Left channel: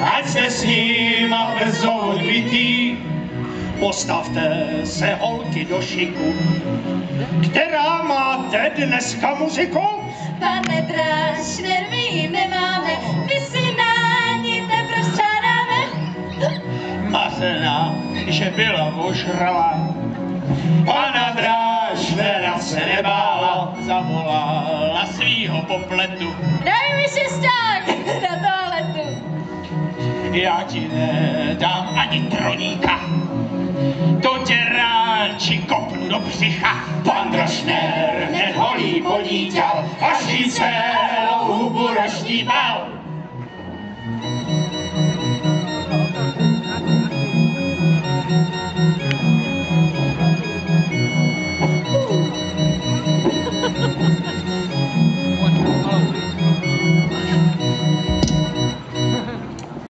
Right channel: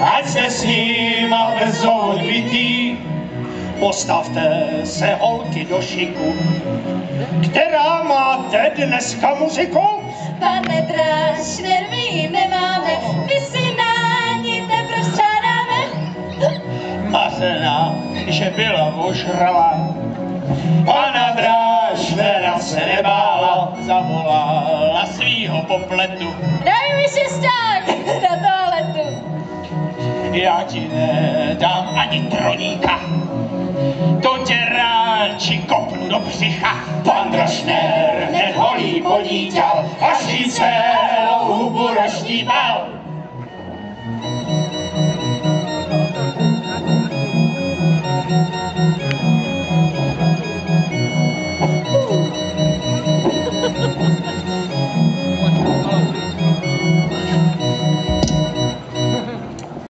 ať jste s ním brzo odbytý. Postavte se holky do šiku, která máte dneska muziku. Pane Drášner, my ji nemáme, my si na ní teprve střádáme. Mazena, že byla ožrala, pana Drášnera se nebála, zavolala svýho popletu. Daj mi šesták na toaletu. Já ti nedám ani troníka, to tě ráči kopnu do břicha. Pan Drášner hned holí podíťal, až jí celou hubu roštípal.